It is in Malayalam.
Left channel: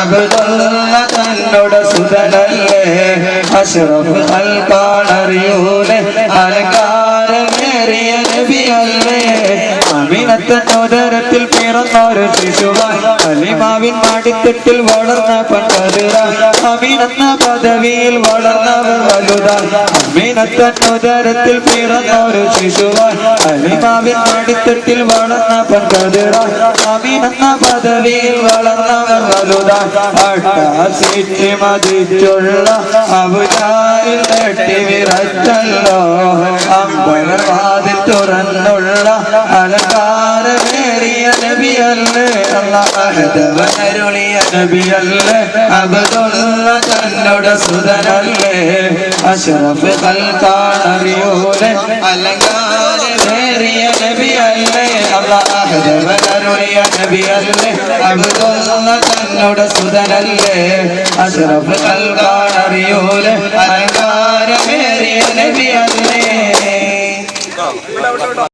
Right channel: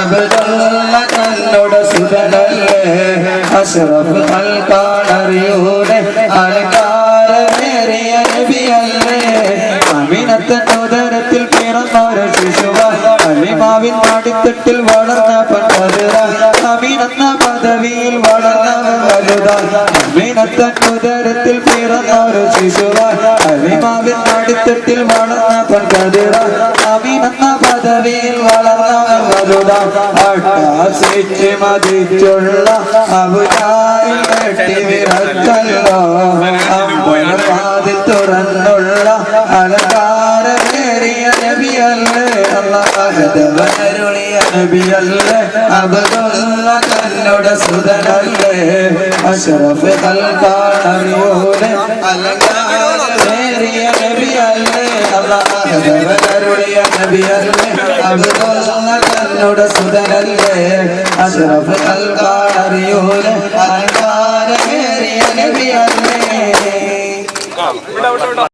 അബ്ദുള്ള തന്നോട് സുതനല്ലേ അഷ്റഫ് ഖൽഖാനറിയൂടെ അലങ്കാരമേറിയ നബിയല്ലേ അമിനത്തനുദരത്തിൽ പിറന്നൊരു ശിശുവായി അലിമാവിൻ മടിത്തട്ടിൽ വളർന്ന പണ്ടതിറ അമിനെന്ന പദവിയിൽ വളർന്നവർ വലുതായി അമിനത്തനുദരത്തിൽ പിറന്നൊരു ശിശുവായി അലിമാവിൻ മടിത്തട്ടിൽ വളർന്ന പണ്ടതിറ അമിനെന്ന പദവിയിൽ വളർന്നവർ വലുതായി അട്ടാസിച്ച് മതിച്ചുള്ള അബുജാഹിൽ തട്ടി വിറച്ചല്ലോ അമ്പലവാതിൽ തുറന്നുള്ള അലങ്കാരമേറിയ നബിയല്ലേ അല്ലാഹുവരുളിയ നബിയല്ലേ അബ്ദുള്ള തന്നോട് സുതനല്ലേ അഷ്റഫ് ഖൽഖാനറിയൂടെ അലങ്കാരമേറിയ നബിയല്ലേ അല്ലാഹുവരുളിയ നബിയല്ലേ അബ്ദുള്ള തന്നോട് സുതനല്ലേ അഷ്റഫ് ഖൽഖാനറിയൂടെ അലങ്കാരമേറിയ നബിയല്ലേ